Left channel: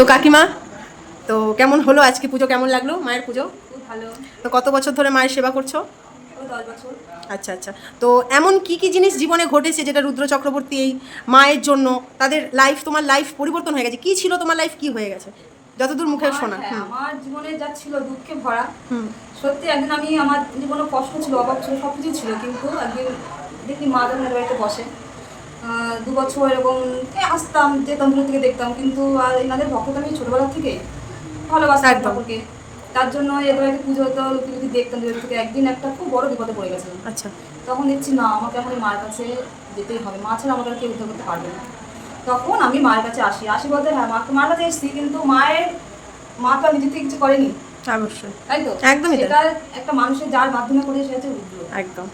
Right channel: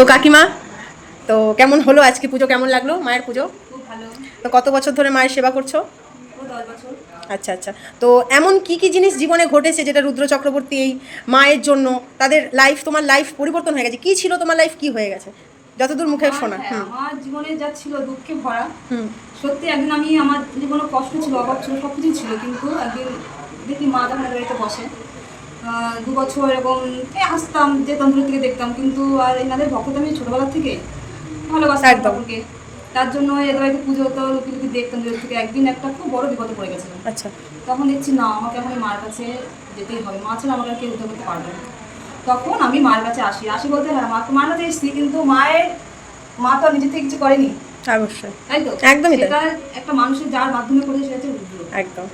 তো কাকিমা, তো কেমন হলো আজকে পুজো? কেমন লাগলো মায়ের পুজো? খুব ভালো। তো কত বছর ধরে মায়ের সেবা করছো? ও 10 বছর। আচ্ছা আচ্ছা। তো এমন কি কি জিনিস জীবনে ঘটেছে যেটা রুদ্র চক্রবর্তী এই মায়ের জন্য তাদের লাইফ, তোমার লাইফ পরিবর্তন হয়ে গেছে? কি ছিল তোমার লাইফ, কি হয়ে গেছে যতদূর মুখে শোনা? আমার জীবনে যা ছিল দুঃখে ভরা। হুম। সত্যি একদিন আমার জীবনে কষ্ট ছিল, অভাব ছিল, সব কিছু ছিল, কিন্তু একদিন দেখি মা যখন এদের বাড়িতে বসে 2 বছর এরকম আসতাম, যেতাম, দূর থেকে দেখতাম, কিন্তু আর এনাদের ভক্ত আমি ছোটবেলা থেকে ভালোবাসতাম একদম। ঠাকুরকে। তার জন্য এদের বাড়িতে পুজো হতো, লুকি লুকি দেখতাম দূর থেকে। একদিন একটা খুব বড় বিপদে পড়ে গেছিলাম। আচ্ছা। তখন দেখছি না, আমাকে এখন এই মায়ের কাছে যেতেই হবে, মা ছাড়া আমাকে আর কেউ উদ্ধার করতে পারবে না। তখন আমি মায়ের কাছে আসি আসি বলতে হ্যাঁ মার কাছে এসেছি, কিন্তু মা তো নিজে থেকে কিছু করেনি, অবশ্যই। তাই তো? একদমই তাই। সেটা একটা মানুষের যার মাধ্যমে করে সেটা হচ্ছে রুদ্র। একদম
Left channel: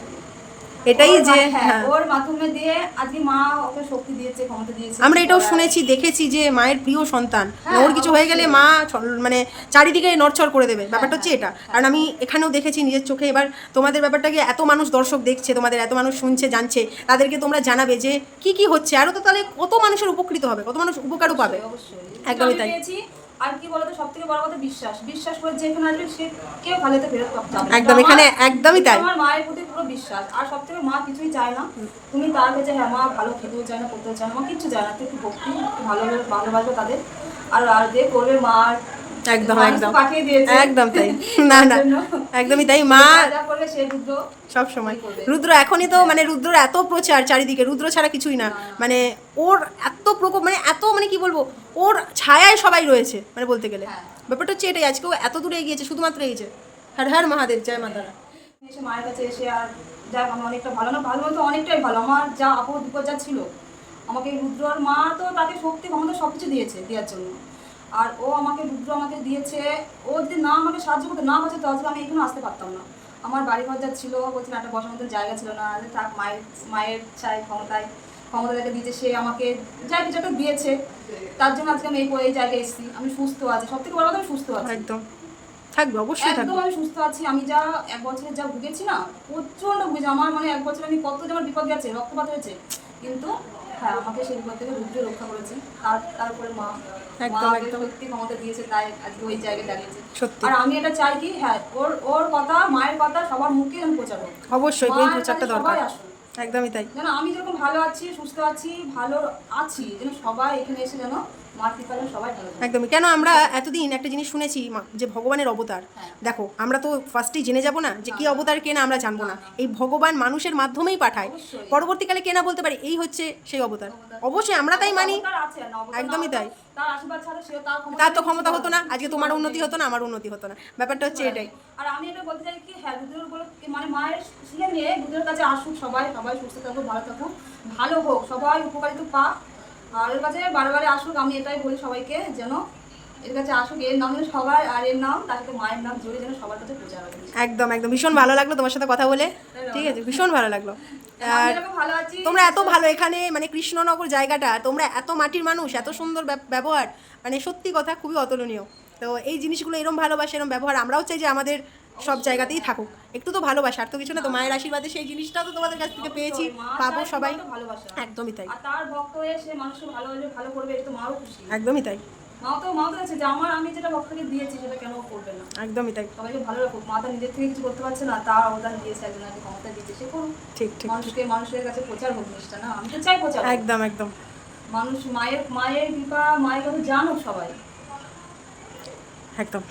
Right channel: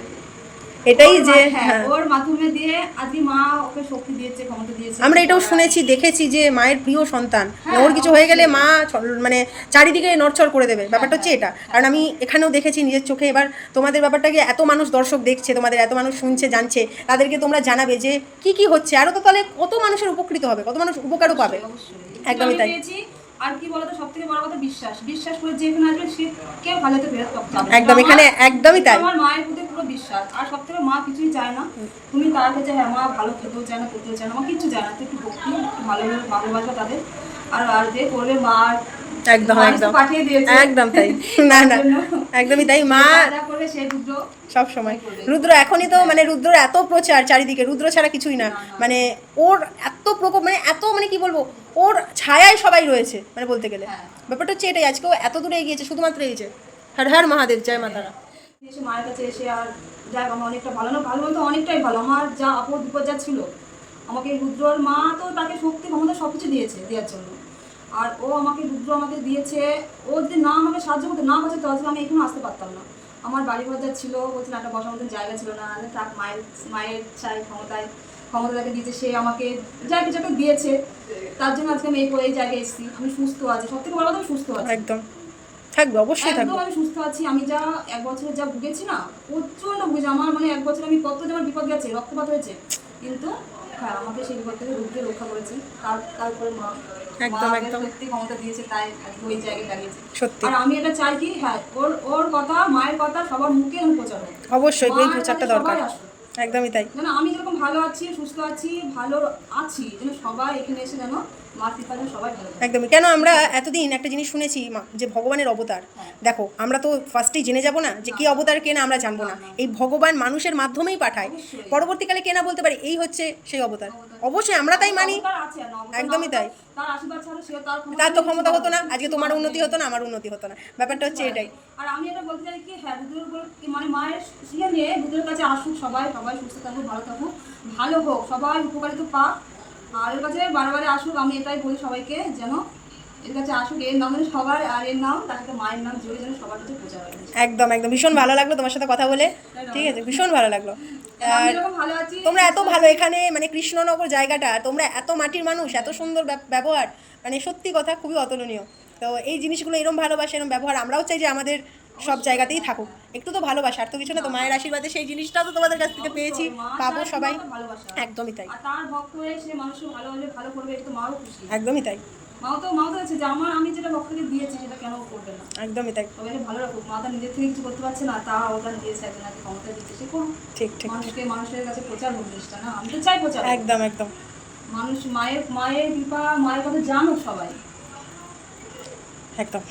এটাই যে হ্যাঁ, ওর মাধ্যমে দিয়ে আজকে মা ওকে শক্তি দিয়েছে, ক্ষমতা দিয়েছে। আমরা এটাও শুনেছি, দেখেছি যে মায়ের প্রিয় সন্তান, হ্যাঁ, ওর কিছু হয়ে গেলে অবশ্যই। মা মানে চারিদিকে নড়চড় করে দেবে, ব্যাপারটা হচ্ছে হ্যাঁ, এটা। হ্যাঁ, কারণ আমি হ্যাঁ। এখানেও দেখেছি নিজের চোখে। এবার তোমাদের ব্যাপারটাকে এত মানুষ দর্শক দেখছে, তোমাদের এত মানুষ শুনছে, জানছে, তাদেরকে তোমরা জানাবে যে কি কি হচ্ছে, আরও তো তাহলে কত মানুষের উপকৃত হবে, কত মানুষ উপকারও পাবে। অবশ্যই। একদমই তাই। পেয়েছি। আর কি বলতো, সবথেকে বড় কথা বিশ্বাস করে যে এখানে আসবে সে কেউ ভালোতে ফেরত যাবে। একদম, এখানে একদমই তাই। আমার মায়ের প্রতি পুরো বিশ্বাস। আর সবথেকে মা কিছুই চায় না তুমি তার কাছে, হ্যাঁ মা ভালো খেতেও চায় না, করতেও চায় না, মা কিচ্ছু চায় না, তুই একটু ভক্তি, একটু ভালোবাসবে তাদের। আর যে করবে মা একদম একদম পাঠিয়ে দিয়েছে একদম তাই। না তার না, জন্য একদমই তাই। মা যা করবে সে রুদ্র সব সময় করবে। রুদ্র, এখনই তো মানে রুদ্র এত প্রচার চারিদিকে, রুদ্র ছাড়া কিছুই না। মানে ওর এত প্রকোপ, মানে এত, মানে কি বলবো, ওর ছায়ায় সবাই রয়েছে মানে বলতে গেলে। হ্যাঁ। ব্যাপারটা হচ্ছে এটাই, আজকেও এত দূরে এগিয়েছে শুধুমাত্র এই যে হর হর মহাদেব, জয় মাতারা। এসে মায়ের কাছে এসে আর যাক আমি অনেকটা ভালো, না ভালো বলতে অনেকটাই ভালো। আমার যা আপদ বিপদ যা ছিল, আমাকে রুদ্রর মা তো তাকে শক্তি ক্ষমতা সব কিছু দিয়েছে দেওয়ার জন্য। আর ও আমাকে রুদ্র আমাকে দিয়েছে। ও যদি না আমাকে সাহায্য করতে না হচ্ছে তাহলে আমি এখানে আসতে পারতাম না। আমার বাড়ি ঘর যা ছিল, বলছিল একটা বসার মতন জায়গা ছিল না, থাক মায়ের চাই ক্ষমতা তাকে দিয়েছে, সে আমাকে যা কিছু একটা দিয়েছে। তার জন্য আজকে আমি এই জায়গায় এসেছি। আমি সুস্থ আছি, সব থেকে বড় কথা আমি সুস্থ আছি। একদম থাকবে, অবশ্যই একদম থাকবে। আমি সুস্থ আছি। আমি যা 1 বছরে যা ভুগেছি না, প্রচন্ড ভুগেছি। আমার মানে 1 বছরে আমি কত যে আমার বিপদ গেছে, রক্তপাত হয়েছে, কিন্তু হ্যাঁ আমাকে সেই বিপদ থেকে রুদ্র রক্ষা করেছে। তারপরে মা একদম আমাকে একদম সত্যি ক্ষমতা দিয়েছে, তাই আজকে ওই জায়গায় দাঁড়িয়েছি। সত্যি। আর আমি এটা চাই কি, হ্যাঁ ওর কথা, মায়ের কথা সবার মুখে আমি প্রচার হোক। অবশ্যই এই মায়ের প্রচারটা কাছে দরকার। সবাই আসুক। একদমই তাই। যেন আমি যেরকম ভালো আছি, সুস্থ আছি, ভালো আছি, যেন সবাই এখানে এসে যেন মার কৃপা যেন সবাই ভালো থাকে। একদমই। কেন আমরা এতদিন একটা জিনিস শুনেছি যে ভগবানের অবতার। হ্যাঁ। দেখো, আমরা তো ফার্স্টেই জেনে যাব না যে কি অবতার, কে না আমরা জানবো না। এই ভগবান মানুষের মাধ্যমেই পাঠায়, অবশ্যই। পরবর্তীকালে কে না বলতে পারে এই হচ্ছে সেই অবতার। অবশ্যই আমরা তাই মানি। অবতার আছে না, অবতার না একদমই হতো, তাই। তার আশীর্বাদ ছাড়া সে তার তার তো কিছু ক্ষমতা হতো না, আজকে কিছু তোমার করার উন্নতি নেই। হতো না, আমার উন্নতি হতো না, ব্যাপারটা হচ্ছে এটাই। আর আমি এটা বলতে চাই কি, হ্যাঁ মানে মায়ের শিখে নিয়ে রুদ্রের কাছে আসুক সবাই, সবাই সুস্থ থাকুক, ভালো থাকুক, ভালো হোক, সবাই উপকারিত পাক। আর এর কাছে বারে আসুক, আমি এটাই বলি সবাইকে, যেন এর কাছে আসুক, এর নাম যেন সবাই, আর এর নাম তার সাথে মায়ের নাম জড়িয়ে যেন সবার কাছে প্রচার হবে। একদম একদম, ভীষণ ভালো লাগলো তোমার সাথে কথা বলে। ঠিক আছে, ভীষণ ভালো লাগলো। আমি আর এরকম ভালো আছি। তোমরা এত ভালো, এখানে মানে কৃষ্ণনগর জায়গাটা, তোমরা এত মাটির মানুষ, এত সুন্দর ব্যবহার, মানে সত্যি কথা খুবই অতুলনীয়। তো এই জিনিসগুলো, এরম ভালোবাসা, এরম ব্যবহার আমরাও চাই যে আমাদের সব জায়গাতেই থাকুক। একটু তো ভালোবাসা, আর তো কিছু না, তো মায়ের আশীর্বাদে সেই জিনিসটা তো তোমাদের কাছ থেকে পেয়েছি, পাবো সবাই। একদমই তাই। আর তার ভক্ত হয়ে সে মানুষকে ভালোবাসবে, ভালো করবে, এটা তো মাও খুশি। একদমই তাই। মাও তো আছে যে আমি যেটা ভক্তকে দিয়েছি সেটা কেন করবে না। একদমই তাই। সবাইকে ভালো রাখুক। মা তো নিজের থেকে কিছু করতে পারছে না, তার অবদান দিয়েছে, একজনকে ক্ষমতা দিয়েছে, সে করুক। ঠিক ঠিক। মানুষের কাছে প্রচার হোক জিনিসটা, না আমি তো চাই প্রচার হোক। একদম একদম। মানুষ মায়ের কৃপা, মায়ের কথা জানুক সবাই। একদম।